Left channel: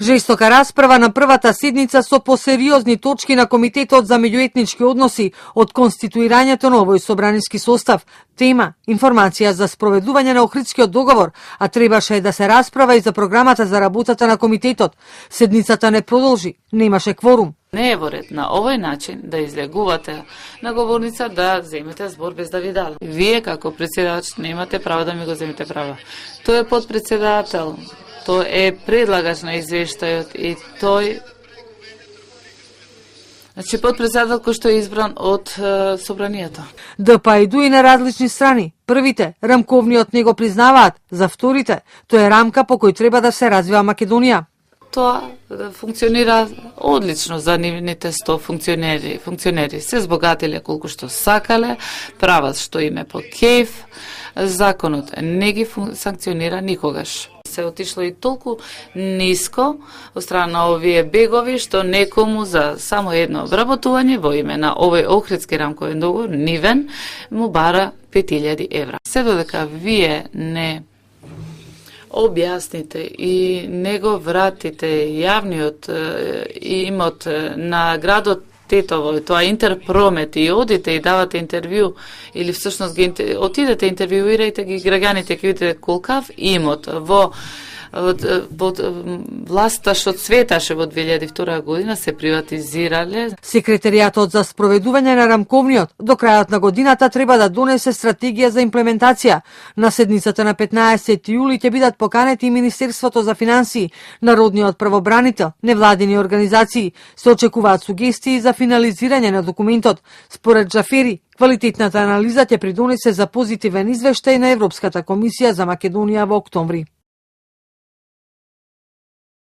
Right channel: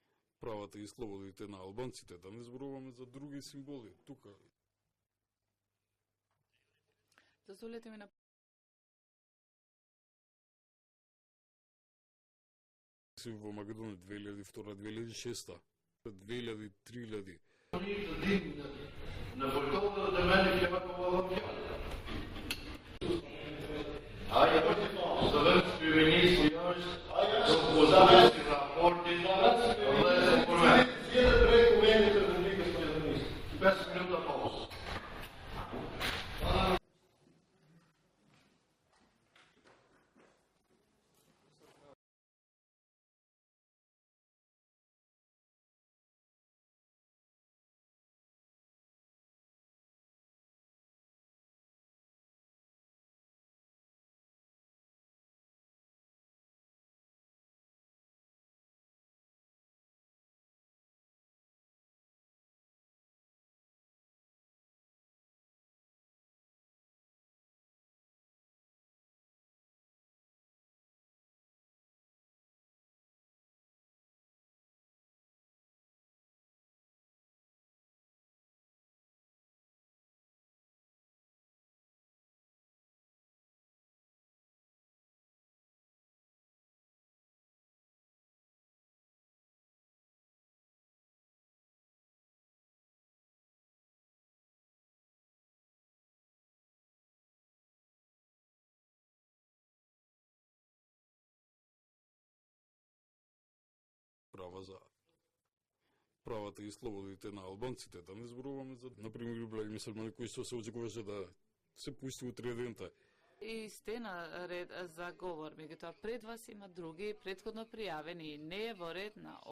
Жестока расправа на првата седница со посериозни точки на Комитетот за меѓуетнички односи од конституирањето на овој собраниски состав. Тема – информација за спроведување на Охридскиот договор, а требаше да се расправа и за програмата за работата на комитетот. Седницата не продолжи, немаше кворум. Не е во ред на овој начин да излегувате на говорница да земете збор без да ви дадат. Вие како председател немате право да ми го земете право. Тој е подпредседател, тој е предлагач на извештајот и тој подпредседател кој што е избран од собранието. ДП иду и на различни страни. Првите, рамковниот не го признаваат, за вторите, тоа е рамка по кој треба да се развива Македонија. Тоа функционира одлично за нивните 100 функционери. Се збогатиле колку што сакале, прават што име по кејф, законот не ги санкционира никогаш. Се отишло и толку ниско од страна на овие бегови што некому за само едно обработување во име на овој Охридски рамковен договор нивен му бара 5000 евра. Се додека вие не објасните и не го вратите јавниот имот на градот Тетово, тоа Интерпромет, и одите и давате интервју или всушност отидете интервјуирајте ги граѓаните, ќе видите колкав имот во власта што цветаше во 2002 година се приватизирале. Секретаријатот за спроведување на рамковниот до крајот на годината треба да донесе стратегија за имплементација. На седницата на 15 јули ќе бидат поканети и Министерството за финансии, Народниот правобранител, невладини организации. Се очекуваат сугестии за финализирање на документот. Според Џафери, квалитетната анализа ќе придонесе за позитивен извештај на Европската комисија за Македонија во октомври.